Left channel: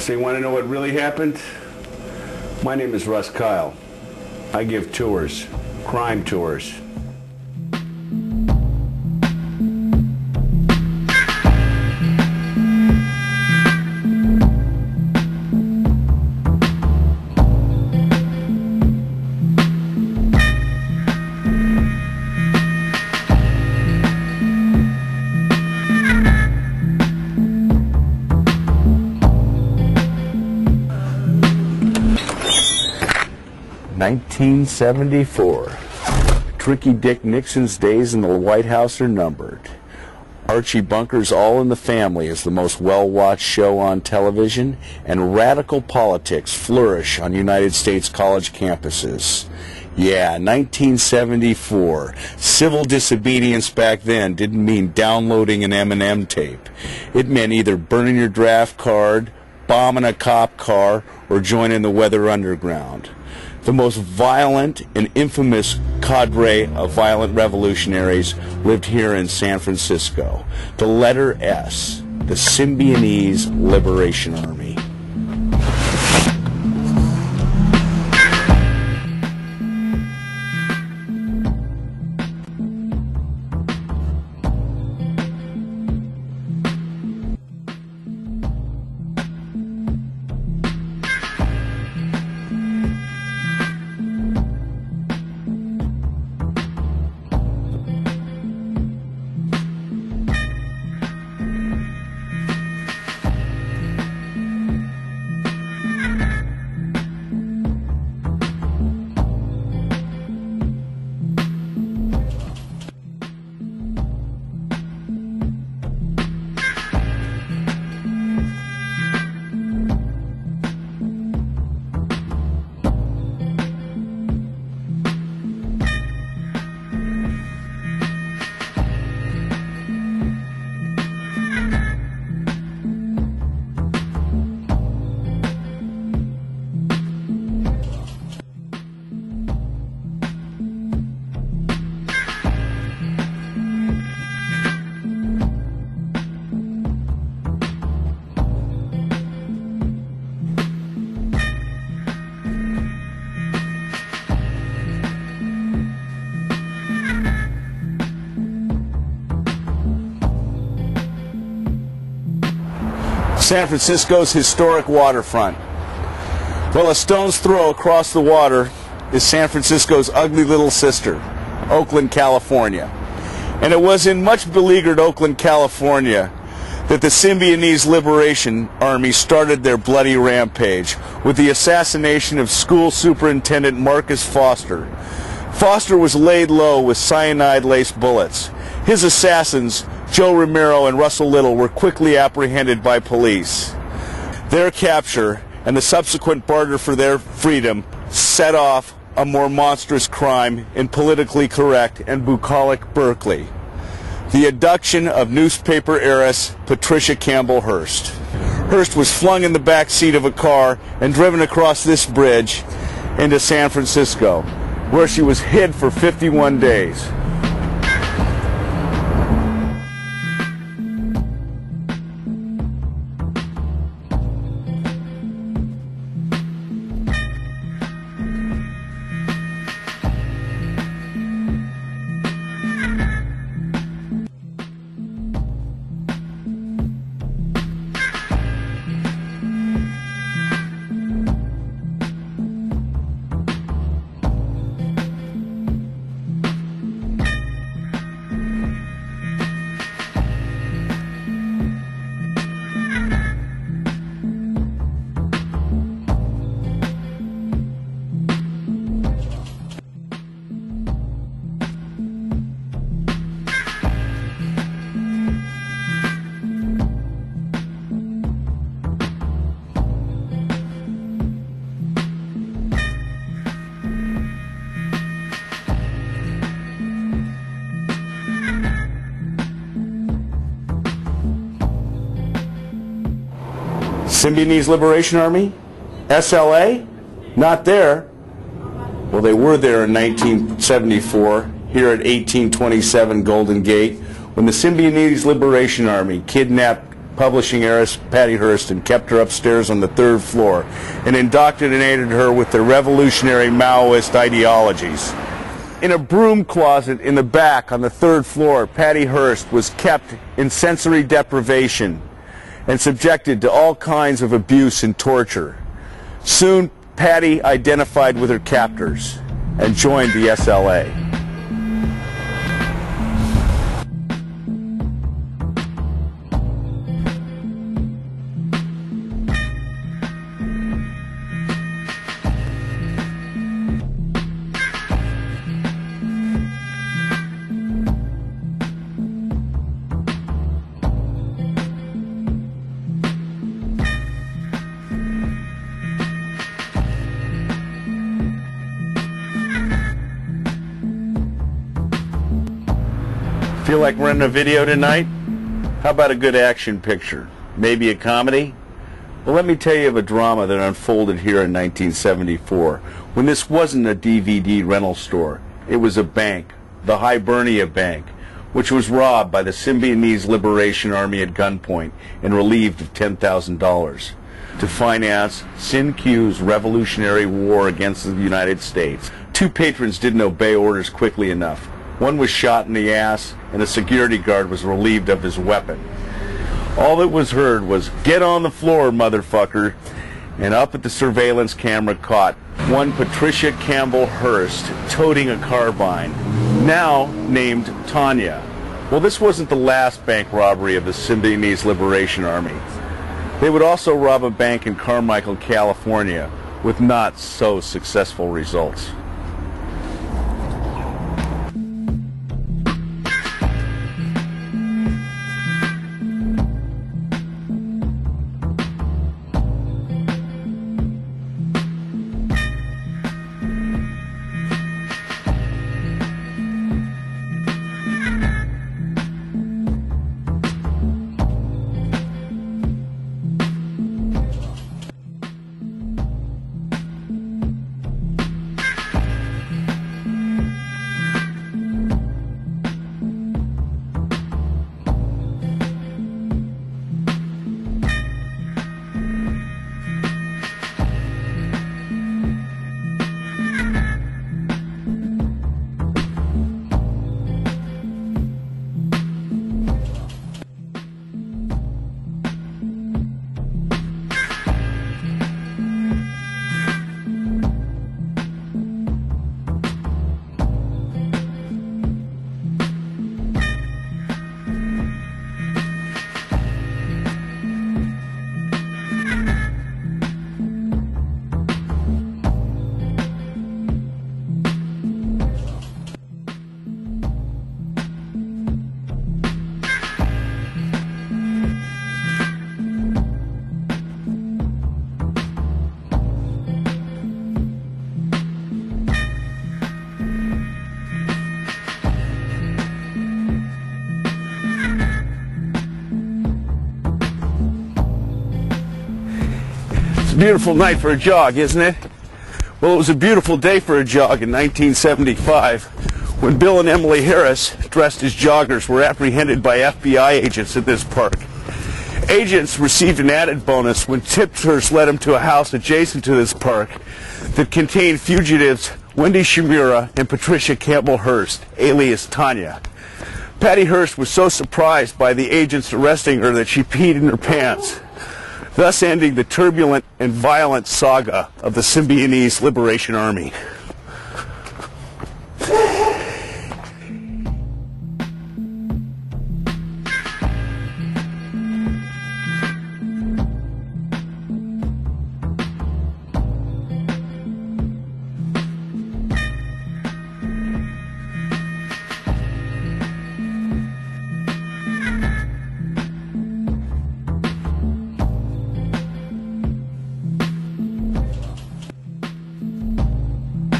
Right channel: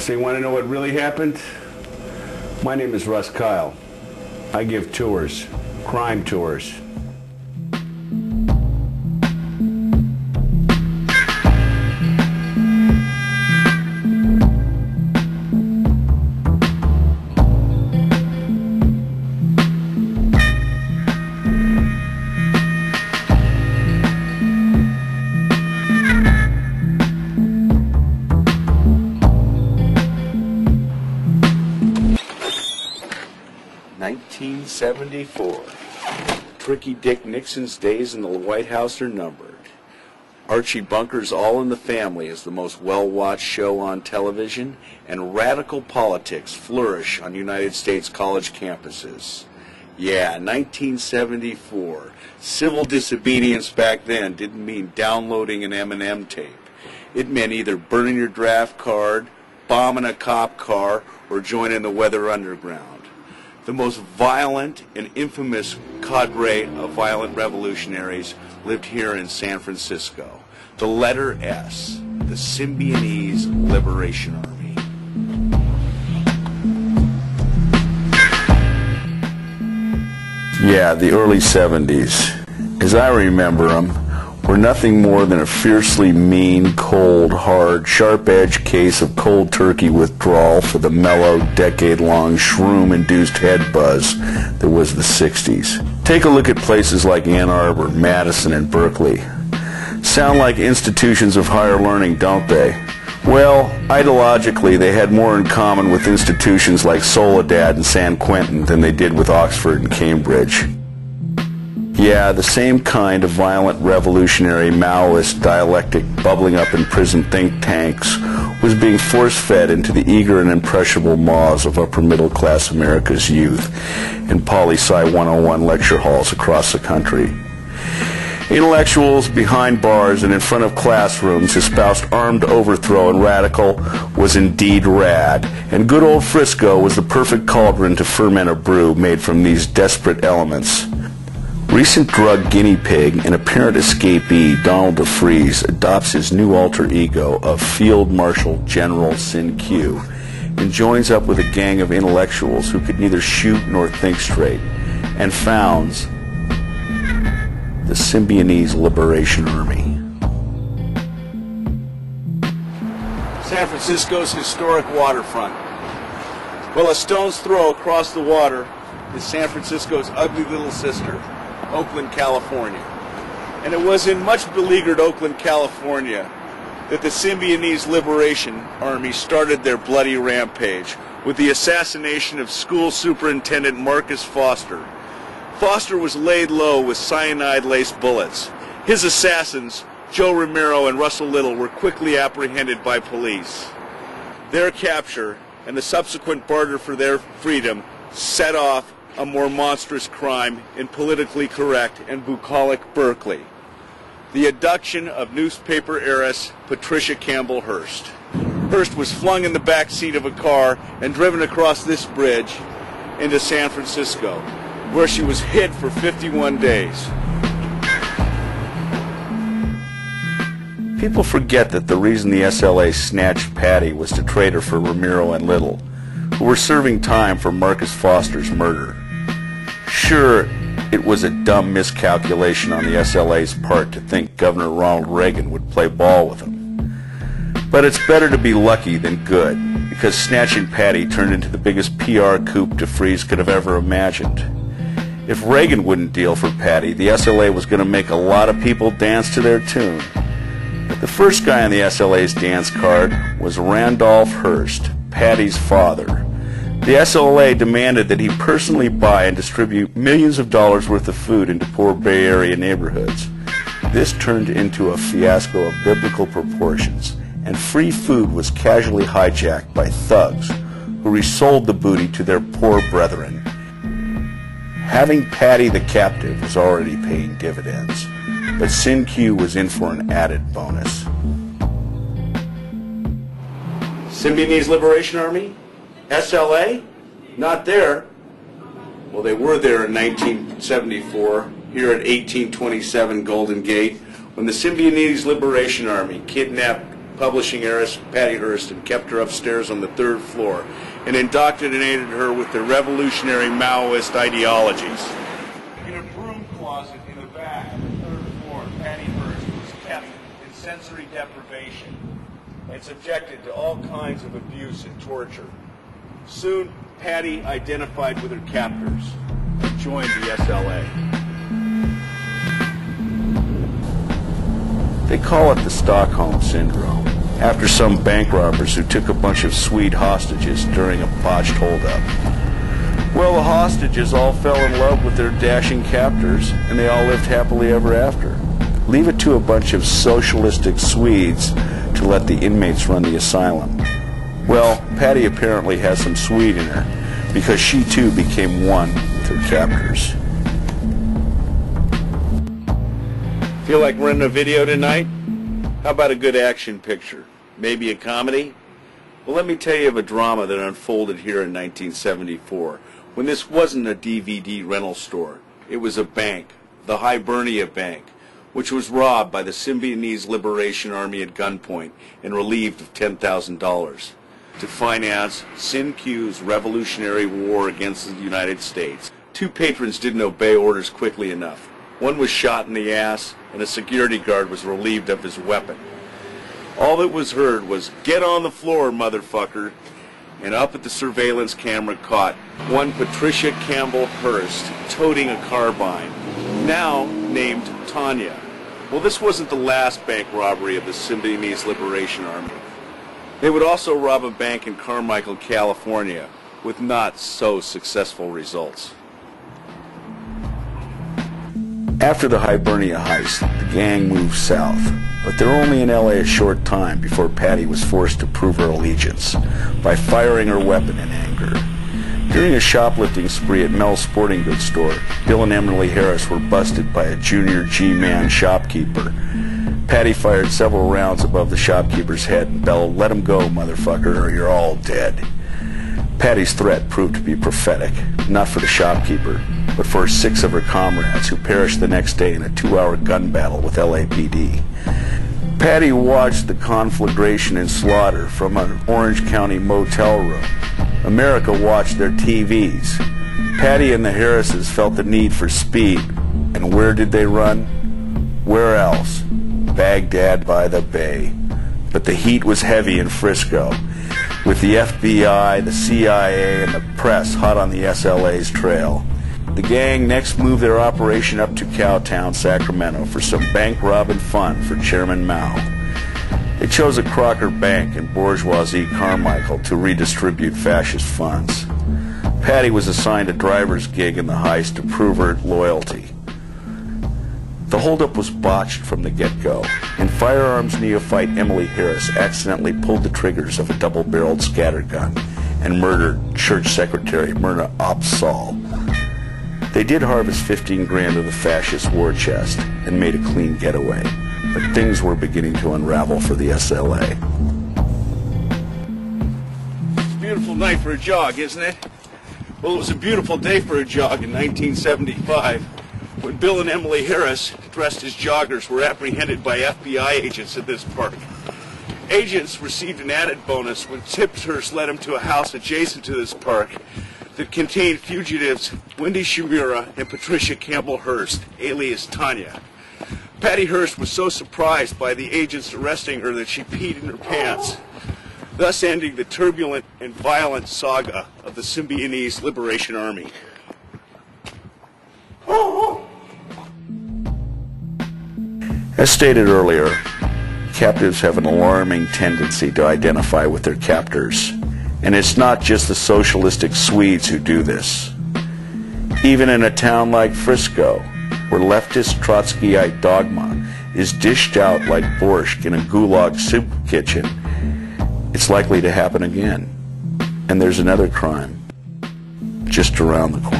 So you want to know what really happened? My name is Russ Kyle. I give tours, crime tours. (1974). Tricky Dick Nixon's days in the White House are numbered. Archie Bunker's All in the Family is the most well-watched show on television, and radical politics flourish on United States college campuses. Yeah, 1974. Civil disobedience back then didn't mean downloading an M&M tape. It meant either burning your draft card, bombing a cop car, or joining the Weather Underground. The most violent and infamous cadre of violent revolutionaries lived here in San Francisco. The letter S, the Symbionese Liberation Army. Yeah, the early 70s, as I remember them, were nothing more than a fiercely mean, cold, hard, sharp-edged case of cold turkey withdrawal for the mellow, decade-long, shroom-induced head buzz that was the 60s. Take a look at places like Ann Arbor, Madison, and Berkeley. Sound like institutions of higher learning, don't they? Well, ideologically, they had more in common with institutions like Soledad and San Quentin than they did with Oxford and Cambridge. Yeah, the same kind of violent revolutionary Maoist dialectic bubbling up in prison think tanks was being force-fed into the eager and impressionable maws of upper-middle-class America's youth in poli-sci 101 lecture halls across the country. Intellectuals behind bars and in front of classrooms espoused armed overthrow, and radical was indeed rad, and good old Frisco was the perfect cauldron to ferment a brew made from these desperate elements. Recent drug guinea pig and apparent escapee Donald DeFreeze adopts his new alter ego of Field Marshal General Sin Q and joins up with a gang of intellectuals who could neither shoot nor think straight, and founds the Symbionese Liberation Army. San Francisco's historic waterfront. Well, a stone's throw across the water is San Francisco's ugly little sister, Oakland, California. And it was in much beleaguered Oakland, California that the Symbionese Liberation Army started their bloody rampage with the assassination of school superintendent Marcus Foster. Foster was laid low with cyanide-laced bullets. His assassins, Joe Romero and Russell Little, were quickly apprehended by police. Their capture and the subsequent barter for their freedom set off a more monstrous crime in politically correct and bucolic Berkeley: the abduction of newspaper heiress Patricia Campbell Hearst. Hearst was flung in the back seat of a car and driven across this bridge into San Francisco, where she was hid for 51 days. People forget that the reason the SLA snatched Patty was to trade her for Romero and Little, who were serving time for Marcus Foster's murder. Sure, it was a dumb miscalculation on the SLA's part to think Governor Ronald Reagan would play ball with them. But it's better to be lucky than good, because snatching Patty turned into the biggest PR coup DeFreeze could have ever imagined. If Reagan wouldn't deal for Patty, the SLA was going to make a lot of people dance to their tune. The first guy on the SLA's dance card was Randolph Hearst, Patty's father. The SLA demanded that he personally buy and distribute millions of dollars worth of food into poor Bay Area neighborhoods. This turned into a fiasco of biblical proportions, and free food was casually hijacked by thugs who resold the booty to their poor brethren. Having Patty the captive was already paying dividends, but Sin Q was in for an added bonus. Symbionese Liberation Army? SLA? Not there. Well, they were there in 1974, here at 1827 Golden Gate, when the Symbionese Liberation Army kidnapped publishing heiress Patty Hearst and kept her upstairs on the 3rd floor and indoctrinated her with their revolutionary Maoist ideologies. In a broom closet in the back on the 3rd floor, Patty Hearst was kept in sensory deprivation and subjected to all kinds of abuse and torture. Soon, Patty identified with her captors and joined the SLA. They call it the Stockholm Syndrome, after some bank robbers who took a bunch of Swede hostages during a botched holdup. Well, the hostages all fell in love with their dashing captors, and they all lived happily ever after. Leave it to a bunch of socialistic Swedes to let the inmates run the asylum. Well, Patty apparently has some Swede in her, because she too became one with her captors. Feel like running a video tonight? How about a good action picture? Maybe a comedy? Well, let me tell you of a drama that unfolded here in 1974, when this wasn't a DVD rental store. It was a bank, the Hibernia Bank, which was robbed by the Symbionese Liberation Army at gunpoint and relieved of $10,000 to finance Sin Q's revolutionary war against the United States. 2 patrons didn't obey orders quickly enough. One was shot in the ass, and a security guard was relieved of his weapon. All that was heard was, "Get on the floor, motherfucker," and up at the surveillance camera caught one Patricia Campbell Hearst toting a carbine, now named Tanya. Well, this wasn't the last bank robbery of the Symbionese Liberation Army. They would also rob a bank in Carmichael, California, with not so successful results. After the Hibernia heist, the gang moved south, but they were only in LA a short time before Patty was forced to prove her allegiance by firing her weapon in anger. During a shoplifting spree at Mel's Sporting Goods store, Bill and Emily Harris were busted by a junior G-man shopkeeper. Patty fired several rounds above the shopkeeper's head and bellowed, "Let him go, motherfucker, or you're all dead." Patty's threat proved to be prophetic, not for the shopkeeper, but for 6 of her comrades who perished the next day in a 2-hour gun battle with LAPD. Patty watched the conflagration and slaughter from an Orange County motel room. America watched their TVs. Patty and the Harrises felt the need for speed, and where did they run? Where else? Baghdad by the Bay. But the heat was heavy in Frisco, with the FBI, the CIA, and the press hot on the SLA's trail. The gang next moved their operation up to Cowtown, Sacramento for some bank robbing fun for Chairman Mao. They chose a Crocker Bank in bourgeoisie Carmichael to redistribute fascist funds. Patty was assigned a driver's gig in the heist to prove her loyalty. The holdup was botched from the get-go, and firearms neophyte Emily Harris accidentally pulled the triggers of a double-barreled scattergun and murdered church secretary Myrna Opsahl. They did harvest 15 grand of the fascist war chest and made a clean getaway, but things were beginning to unravel for the SLA. It's a beautiful night for a jog, isn't it? Well, it was a beautiful day for a jog in 1975. When Bill and Emily Harris, dressed as joggers, were apprehended by FBI agents at this park. Agents received an added bonus when tipsters led them to a house adjacent to this park that contained fugitives Wendy Shimura and Patricia Campbell Hearst, alias Tanya. Patty Hearst was so surprised by the agents arresting her that she peed in her pants, thus ending the turbulent and violent saga of the Symbionese Liberation Army. As stated earlier, captives have an alarming tendency to identify with their captors, and it's not just the socialistic Swedes who do this. Even in a town like Frisco, where leftist Trotskyite dogma is dished out like borscht in a gulag soup kitchen, it's likely to happen again. And there's another crime just around the corner.